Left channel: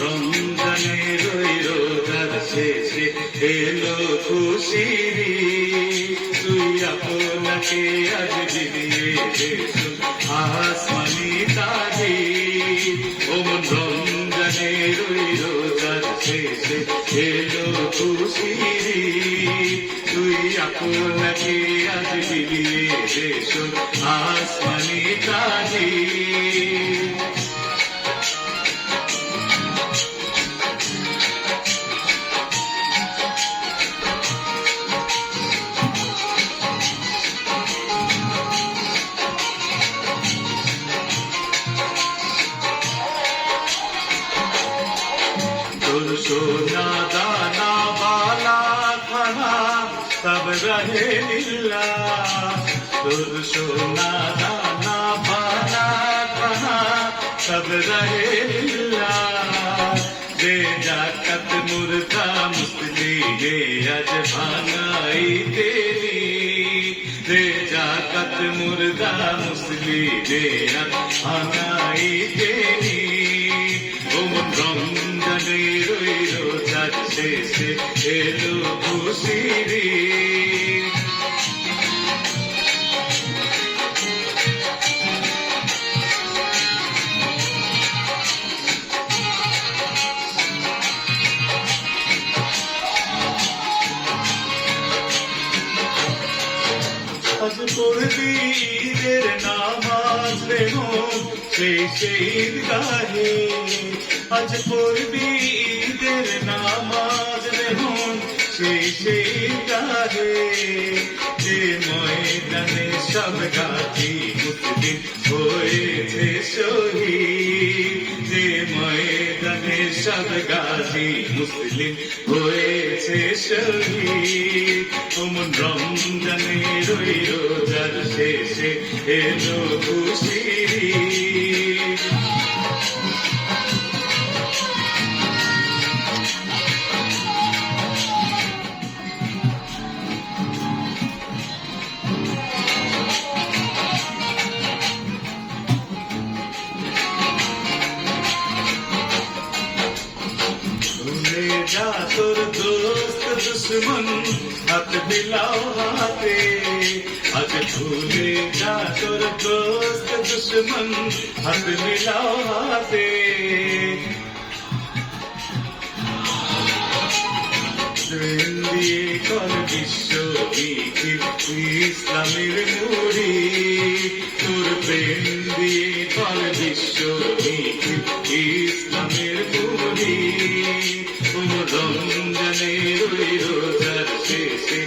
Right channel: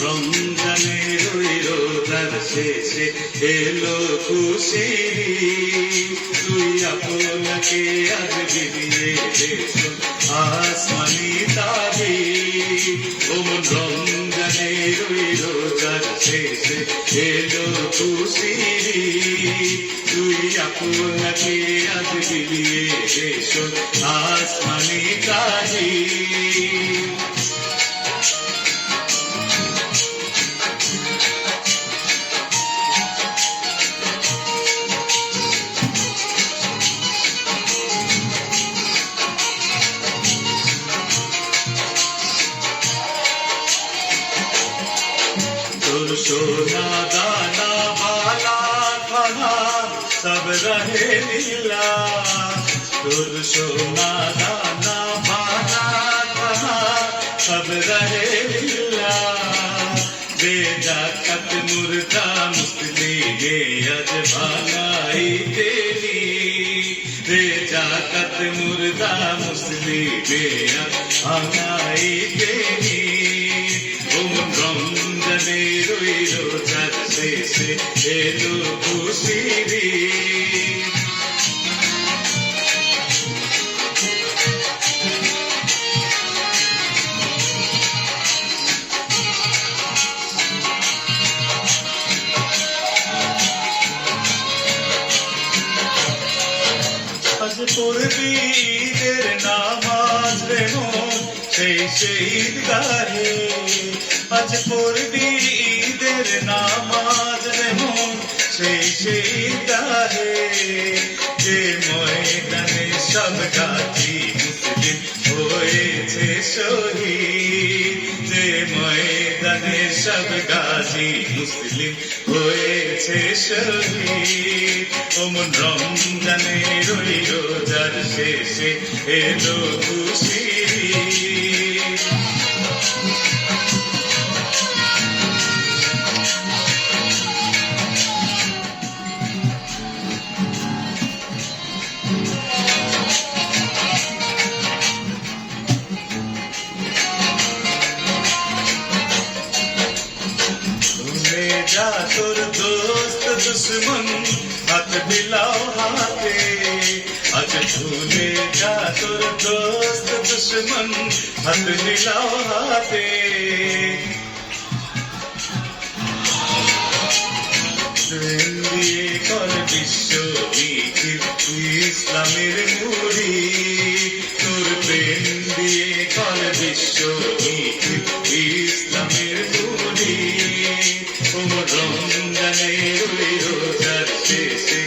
রমজানের ওই রোজার শেষে এলো খুশির ঈদ। তুই আপনাকে আজ বিলিয়ে দেশো আসমানি তাবিজ। ও মন রমজানের ওই রোজার শেষে এলো খুশির ঈদ। তুই আপনাকে আজ বিলিয়ে দেশো আসমানি তাবিজ। তোর সোনা দানা বালা খানা সব রহে লীলা। তোর সোনা দানা বালা খানা সব রহে লীলা। বেজাকত মুর্দা মুসলিমে আজ ভাঙাই তেরি। বেজাকত মুর্দা মুসলিমে আজ ভাঙাই তেরি। রমজানের ওই রোজার শেষে এলো খুশির ঈদ। আজ পড়বি ঈদের নামাজ রে মন সেই ঈদগাহে। আজ পড়বি ঈদের নামাজ রে মন সেই ঈদগাহে। যে ময়দানে সব গাজী মুসলিম হয়েছে শহীদ। যে ময়দানে সব গাজী মুসলিম হয়েছে শহীদ। ওমন রমজানের ওই রোজার শেষে এলো খুশির ঈদ। ভুলে যা তোর দোস্ত দুশ্মন হাত মিলাও হাতে। আজ ভুলে যা তোর দোস্ত দুশ্মন হাত মিলাও হাতে। প্রেম দিয়ে কর বিশ্ব মিছিল ইসলামের মুড়ি। তোর প্রেম দিয়ে কর বিশ্ব মিছিল ইসলামের মুড়ি। রমজানের ওই রোজার শেষে